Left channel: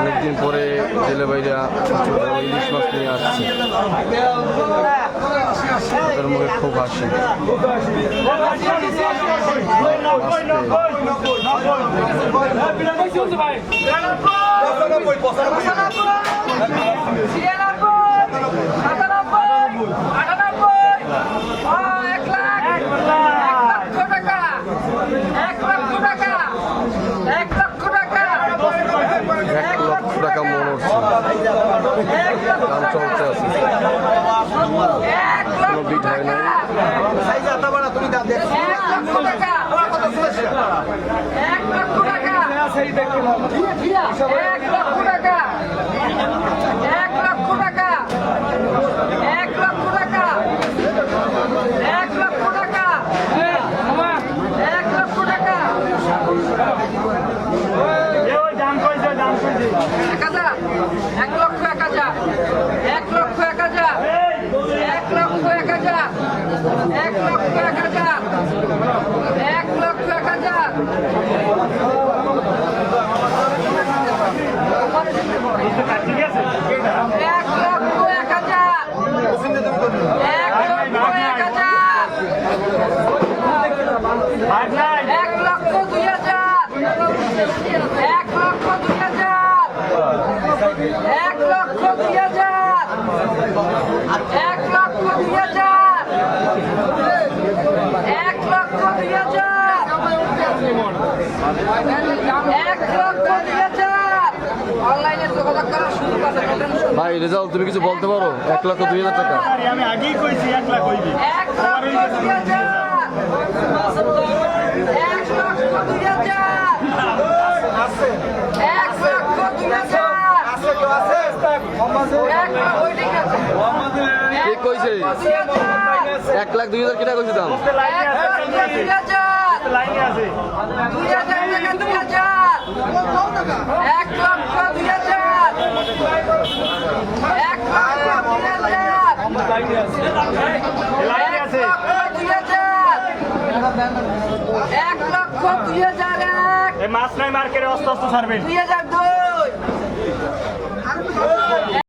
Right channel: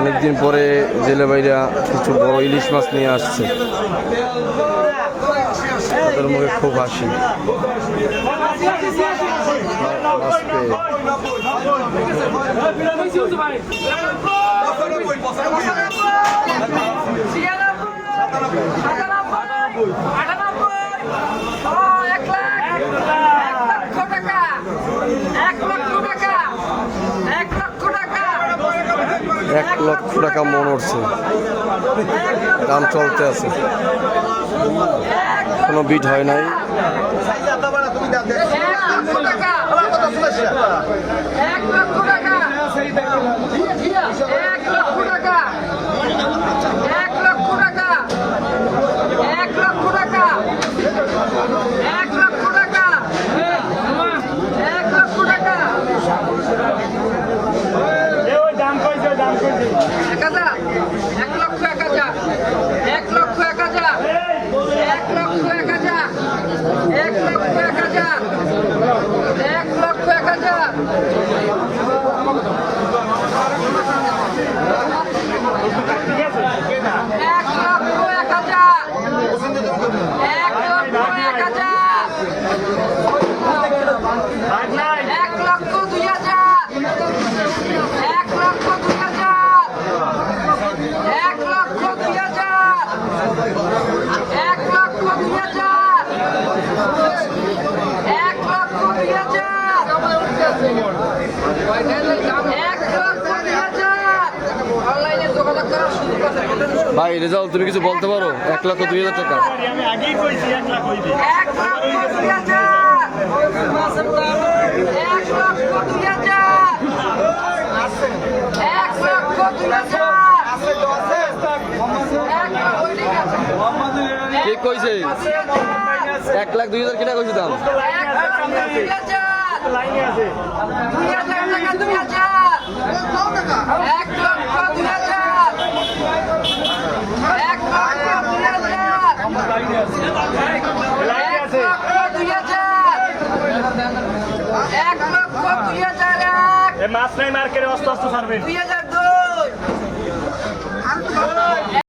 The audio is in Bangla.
অনেকদিন পরে জেলে বাইরা কিছু বড় ইলিশ মাছ নিয়ে আসছে, তাদের মুখে খুব হাসি। এক লক্ষ টাকা মন উঠছে, দাম চলতে আছে, কোনো বিট হয় নাই। ভাই রেজাল্ট তুমি কিছু বলতে পারো? 1,02,000 টাকা। আমি আগেই কইছি 1 লাখ হইবে। 1,02,000 কে কইছে 1,02,000 কেটা কইছে দাম? মাছ নাই মার্কেটে অস্ত অস্ত ছাড়বেন।